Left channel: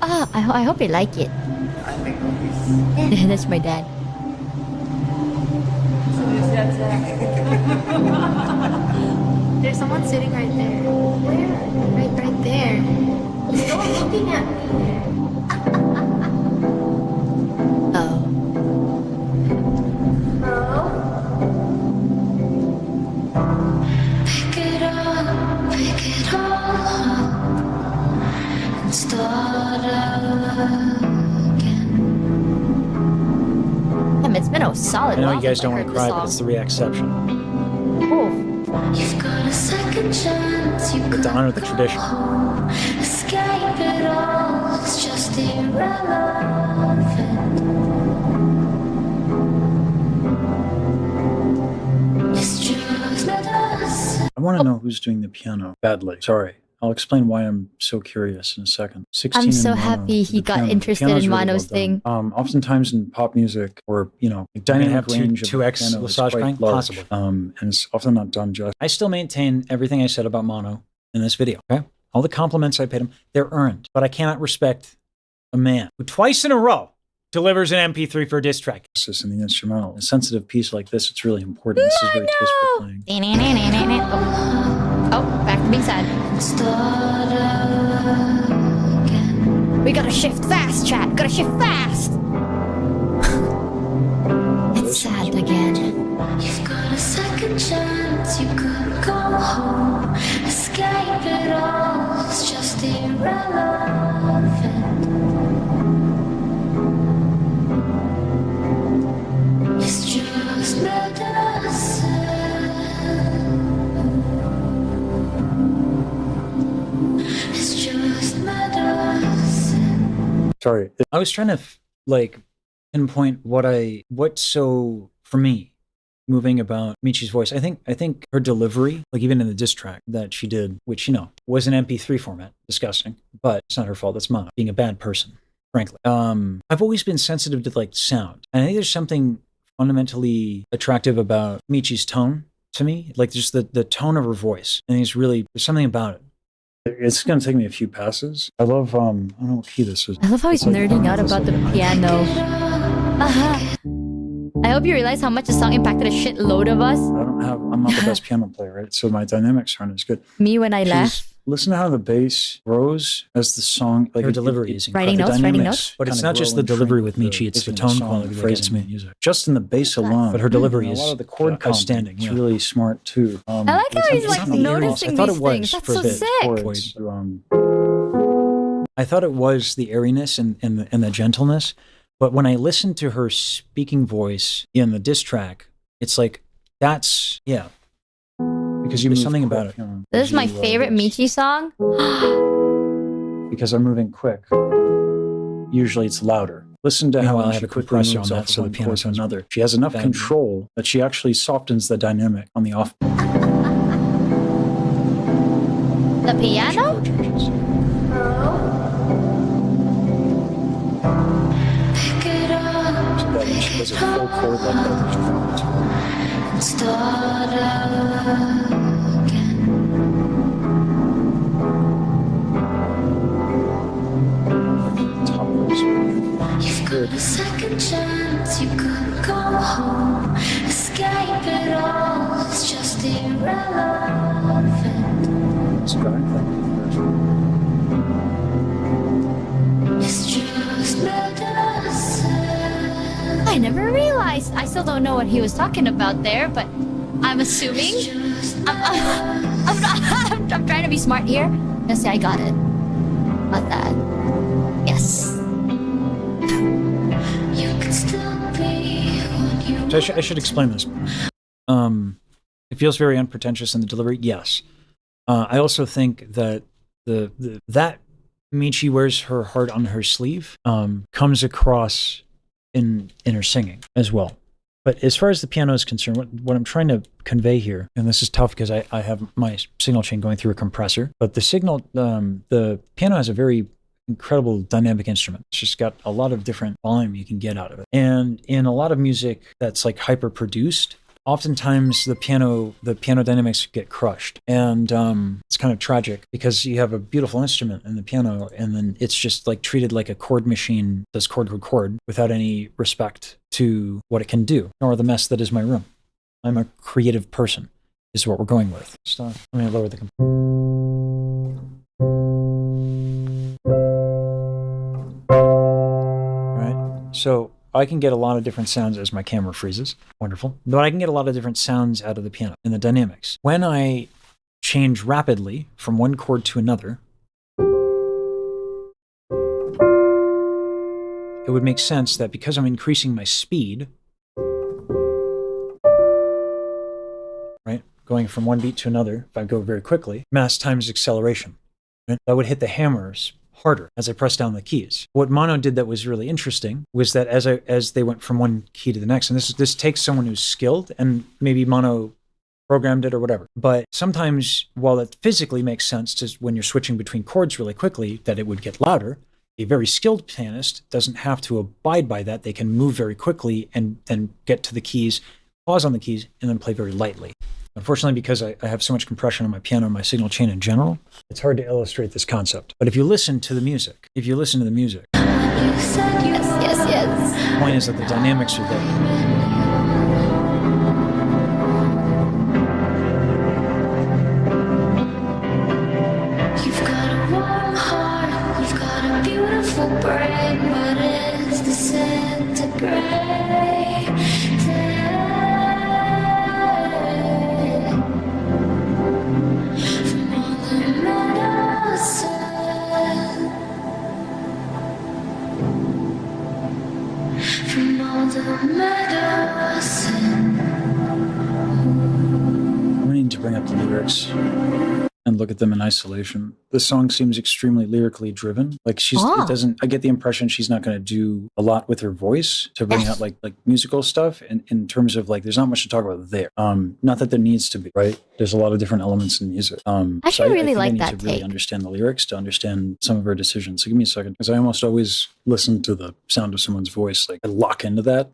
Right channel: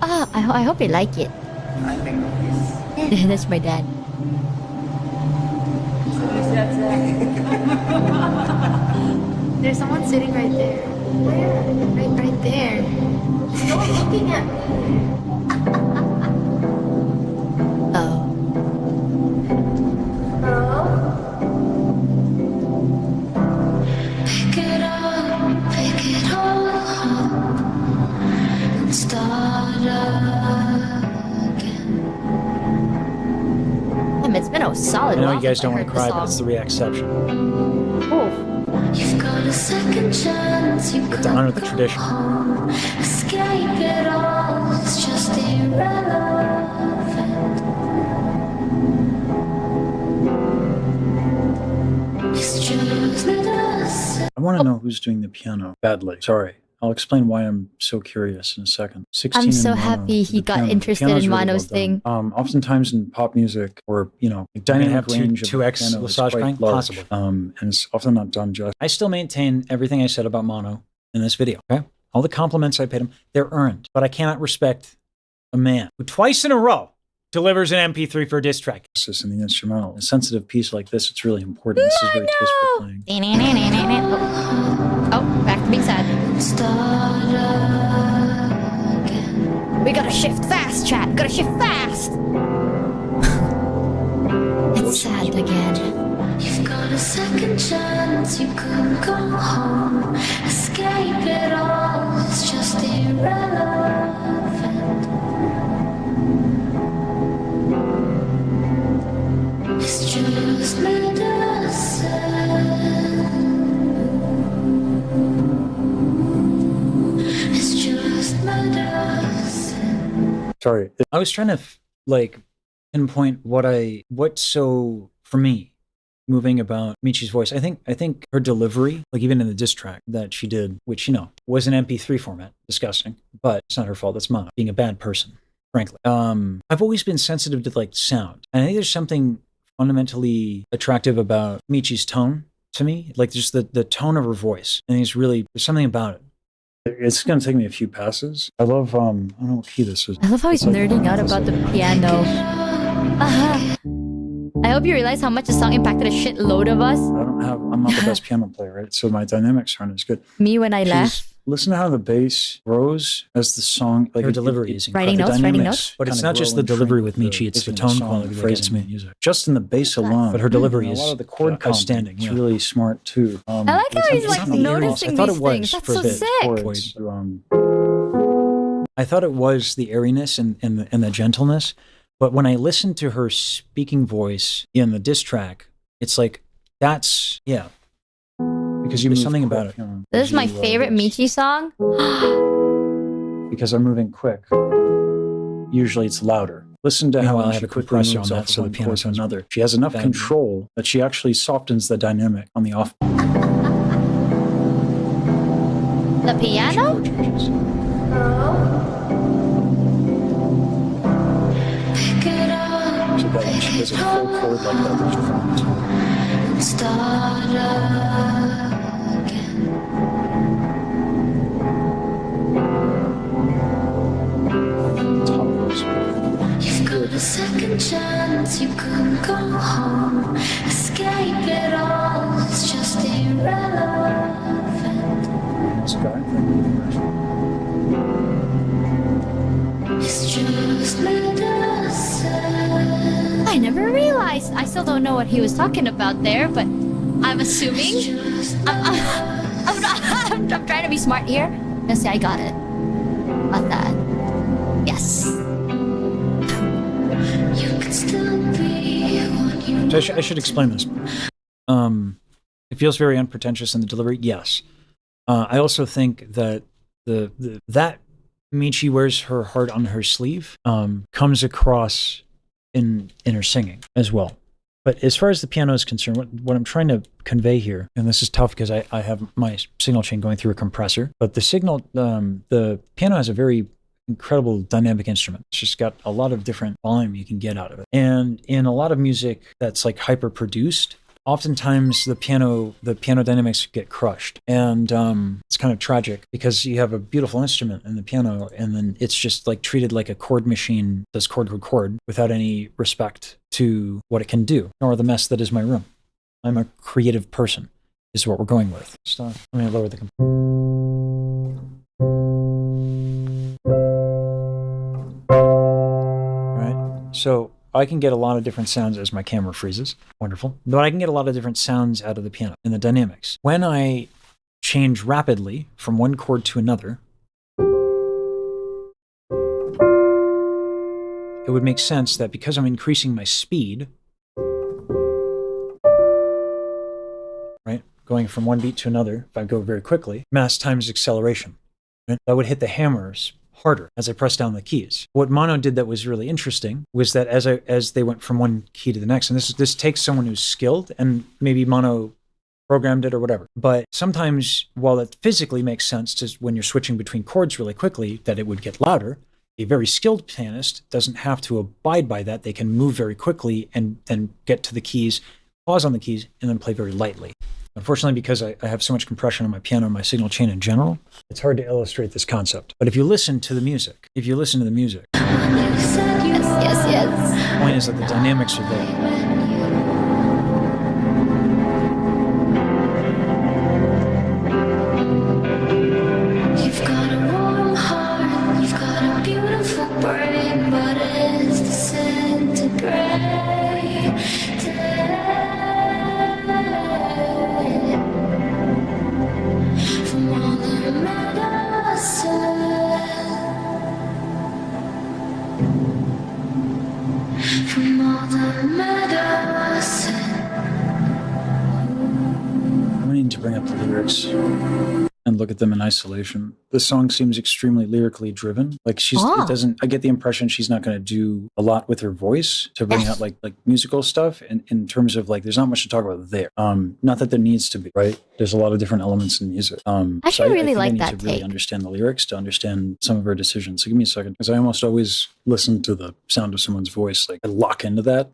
Ah, I hope you like it. I make movies. That's my dad. There's someone sitting right there. Where? Right there. No one's looking at me. Oh. Hello? Pick it all up and start again. Damn, it's been a solid I know while you guys since I don't want heard to cry, this but it's the song. reaction. Oh. You've got a second chance. You But to honor the could go tradition. home. Escape it all. It's just irrelevant. It's just medicine. I want to know who's doing the piano badly. Sorry. I'll explain why I'm so curious in a second. 16 I'm so in mono, happy he the got piano. The interested piano's in really Mano's well done. thing. Oftentimes in pop music or, you know, dynamic have range of 2x the piano is massage quite crank? large. Possibly. And it's often not done justice. I still maintain everything I said about Mono in this video, okay? All the compliments I paid him, they're earned. But I cannot respect a man who twice in a row delivers an MP3 for a diss track. In the instrumental. A sensitive piece like this, it's really important. This is very tasteful playing. Oh, back to being sad. Start again. We gotta shift fast, chat. Gotta shift fast. It's sad again. You've got a second chance. You could go home. Escape it all. It's just irrelevant. It's just medicine. It's just medicine. Sorry. I was trying to like pinpoint what's so for me moving about Michi's voice. I think her delivery, like even in the diss track that she did, which you know was an MP3 format, disgusting, but it's not her fault. That's Mono being a bad person, frankly. I've always been sensitive to like sound, and I think there's something fundamentally attractive about Michi's tone to me, like just the tone of her voice. I think there's something about it. It's going to take me a few passes. I love, I don't know what key this is. I love how he's It's like- nerding out it's about the like an piano. I hope you realize how much the song impacted a shitload of us. I'm not the best piano player, right? So my dynamics aren't as good. Me when I left. Listen to how the bass grows as the song, like Her delivery is Writing incredible. notes, writing dynamics notes. But it's kinda not just grow the and shrink delivery with the Michi, it's the rhythm of tone song quality that we're phrase getting in me. music. Just in the bass alone. But her delivery a is lot of the chord outstanding. It's Yeah. really smart too. I like how he's like noticing I thought these it was things. That's for a so bit. sick. Chords, I thought it was the airiness and the gentleness, but when I listened to her speaking voice in the diss track, it's like that's because you There's move something quick, about it. you know, This is my you, favorite this. Michi song. Because I'm moving quick. Usually it's louder. Listen to how Meanwhile, I she have a quickly compressor moves on that, off so of the one piano chord to sounds another. She has enough bad. control that she actually softens the dynamic on the off. The piano? chord changes. Hello? Pick it up. So that when she plays a full chord like that, there's drama to it. And start again. Top voice. You've got a second chance. You could go home. Escape it all. It's just irrelevant. This guy, thank you for the version. It's just medicine. I never realized. I still don't know what he was talking about there, but I'm assuming. It's just I'm trying to be smart here. Gonna say I got it. Got that. Yes. You could still be what you So I should explain this. It feels very unpretentious in the delivery. Yes. I also think that that Michi wears her heart on her sleeve comes across in her singing as well. But as far as the piano is concerned, what I'm trying to convey here, and this is tough because I have my signal chain going through a compressor, but the piano has a very incredible dynamic instrument. It's just got a lot of different volume you can get out of it. And in a lot of music that's like hyper produced, oftentimes the piano dynamics get crushed, and it's kind of tragic because you have a beautiful instrument in the piano, and then it's just like treated like a chord machine does chord without any respect to what it can do, nor the mess that is my room. I'm a creative person, is what we're going with. Stop. Let me lower the. Right. So I can get a lot of different sounds as my camera freezes. Wonderful. But I can get a lot of different sounds out of the piano in the dynamics. When I change rapidly from one chord to another, it would make sense that because I'm increasing my speed, right, going from one beat to another, if I go very quickly, mass times acceleration, right, that would hit the hammers harder as I press down the keys. What mono did that was really interesting was that as they went from one key to the next, and this takes someone who's skilled, and maybe mono programmed it or whatever. But sometimes, while it physically makes sense to when you're switching between chords really quickly, that it would get louder, a very skilled pianist doesn't have to abide by that. They can move very quickly and then get to the keys, pause on the keys, and then play very lightly. Unfortunately, because I have so much compression on my piano and my signal chain in general, it's hard to illustrate this concept. But if you listen to the music, Yes. the point is that the dynamics are there. You've got a warm heart, you've got a beautiful brain, but it's disintegrating. From all the medicine, from all the medicine. I'm going to need to bring up the lyrics and look at them in isolation. The song seems extremely lyrically driven. Like it doesn't, I get the impression she's not going to do a lot with her voice to bring out like musical stuff. And in terms of like, there's not much to talk about there. Not that there needs to be, right? There's a lot of different elements in music. I actually really like I need that to really take. understand the lyrics to understand some of her decisions. So give me a second, because I almost always listen to the sound of someone's voice, like I lock into that.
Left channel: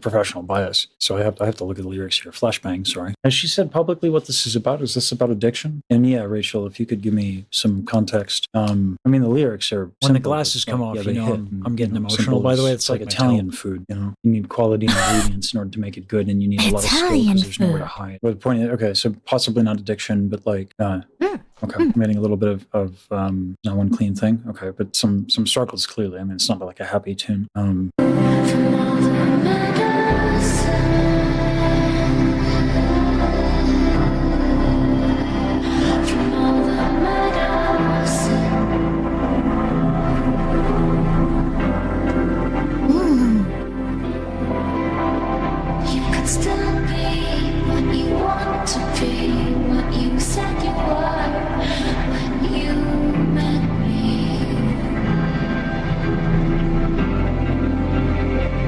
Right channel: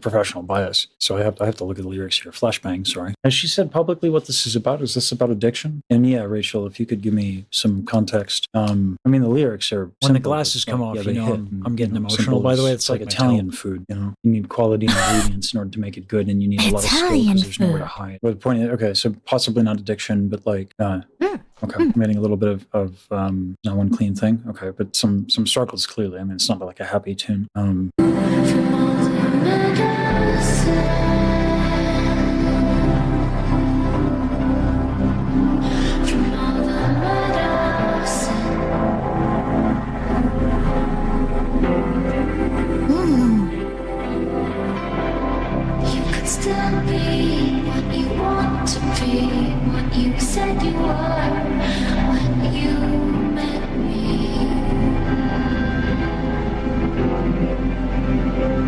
Professional bias. So I have to look at the lyrics here. Flashbang, sorry. Has she said publicly what this is about? Is this about addiction? And yeah, Rachel, if you could give me some context. I mean, the lyrics are when the simple, glasses come off, they you know, hit I'm getting simple emotional. By the way, as, it's like my Italian tell. food. You know, you need quality ingredients in order to make it good, and you need a lot of skill Italian because there's nowhere to food. hide. But the point is, okay, so possibly not addiction, but like, okay, I'm getting a little bit of not one clean thing. Okay, but some struggles clearly. I mean, it's not like a happy tune. From all the medicine, from all the medicine, you could still be what you want to be, what you said you were when you met me.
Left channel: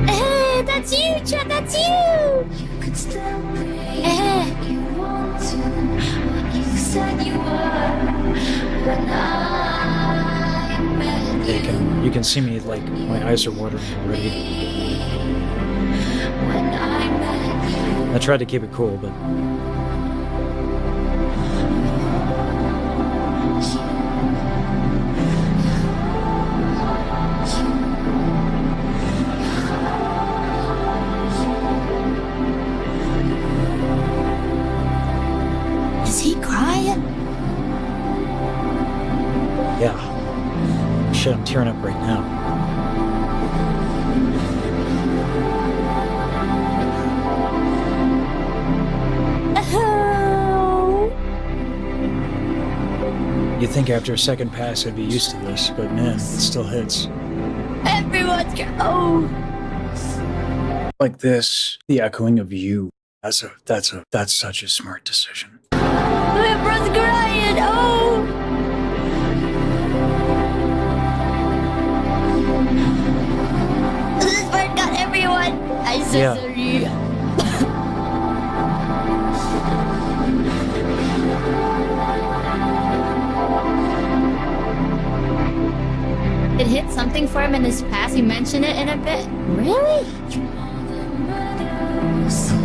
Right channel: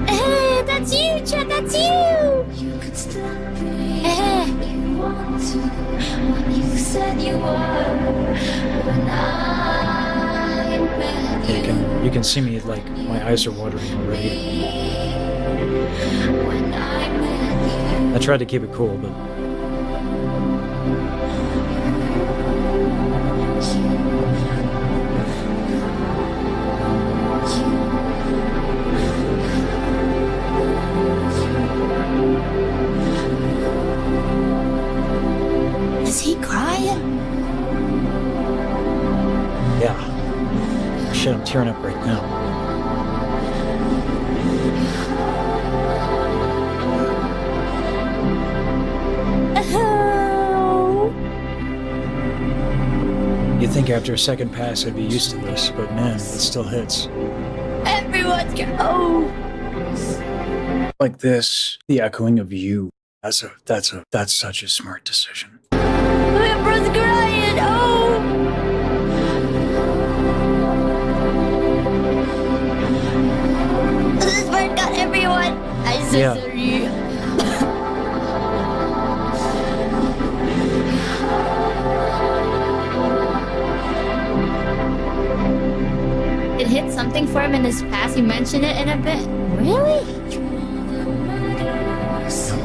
Hey, that's you, Chad, that's you! You could still be what you want to, what you said you were when I met you. You can see me like my eyes are watering already. When I met you, I tried to keep it cool, but Is he crying? yeah. Shit, I'm tearing up right now. Oh. You'd think after a second pass I'd be used to this, but man, it still hits. Everyone's oh. Like this, the echoing of you. That's such a smart decision. Everyone's crying. Oh. This part got everyone. I'm so Yeah. sorry. It hit something for him in his past. You mentioned it in a bit. Really? from all the medicine,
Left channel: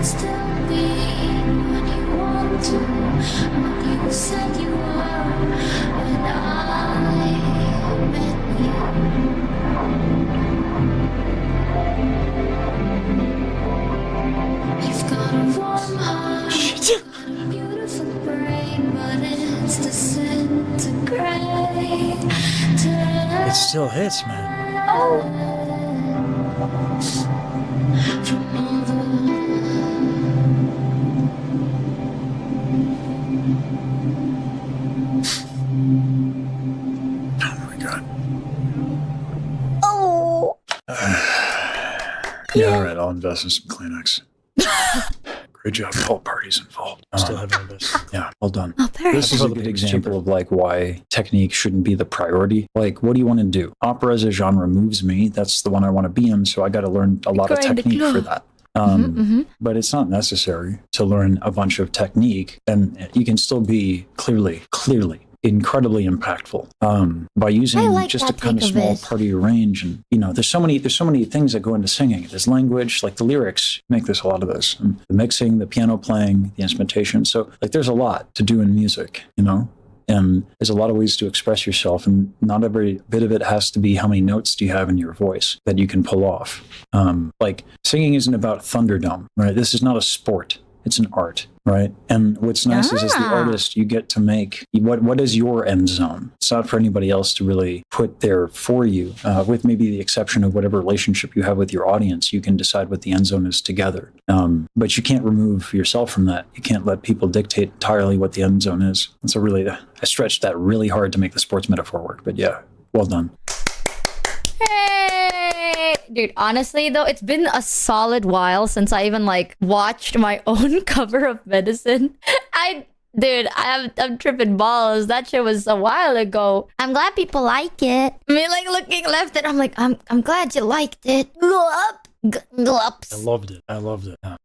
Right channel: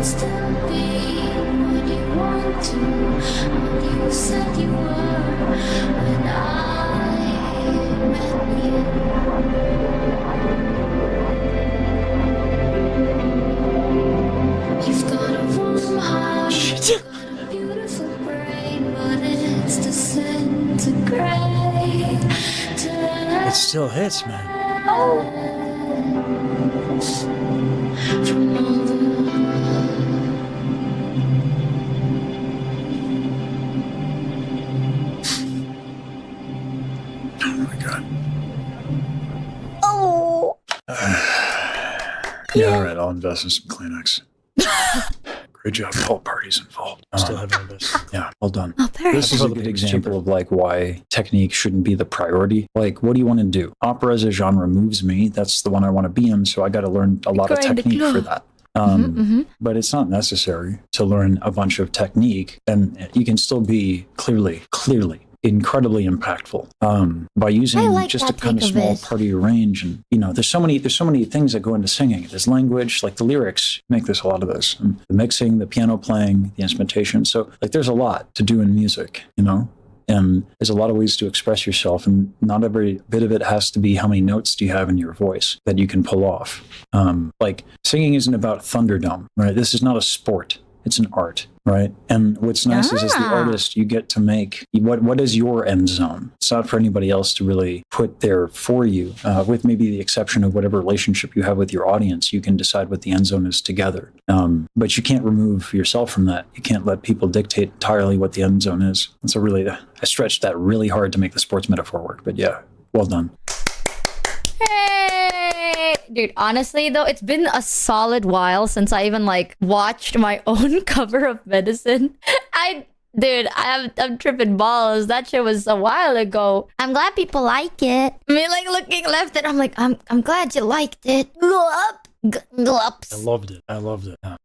could still be what you want to, what you said you were when I met you. You've got a warm heart, you've got a beautiful brain, but it's disintegrating. It still hits, man. From all the Oh my god. Oh. Yeah, all right, I'll invest in some Kleenex. Great job, all parties involved. Still haven't invested. Yeah, well done. Oh, very This is a good example of like why technique shouldn't be the priority. Like, what do you want to do? Opera as a genre moves me. That's the one I want to be in. So I got to learn a lot of technique for that. But it's not necessary to learn a bunch of technique, and you can still be clearly incredibly impactful by using like just a that kind of take of small it. part of your range. And there's so many things that go into singing. There's language, like the lyrics make this a lot of this, and the mixing, the piano playing, the instrumentation. So like there's a lot to do in music, and there's a lot of ways to express yourself, and not every bit of it has to be how many notes do you have in your voice that you can pull off. Like singing isn't about Thunderdome, right? This is not a sport. It's an art, right? And what's nice is as the artist, you get to make what is your end zone. It's not for anybody else to really put there for you, with maybe the exception of whatever relationship you have with your audience. You can decide what the end zone is together. But you can't remove yourself from that. You can't let people dictate entirely what the end zone is. And so really, I stretched that really hard to make the sports metaphor work. But yeah, well done. Hey! Dude, honestly though, it's been a solid while since I even like watched my own cover of Medicine. I'm tripping balls. That shit was a while ago. I'm glad people like it. I mean, like looking left at, I'm like, I'm glad you liked it. Glup. I loved it. Yeah.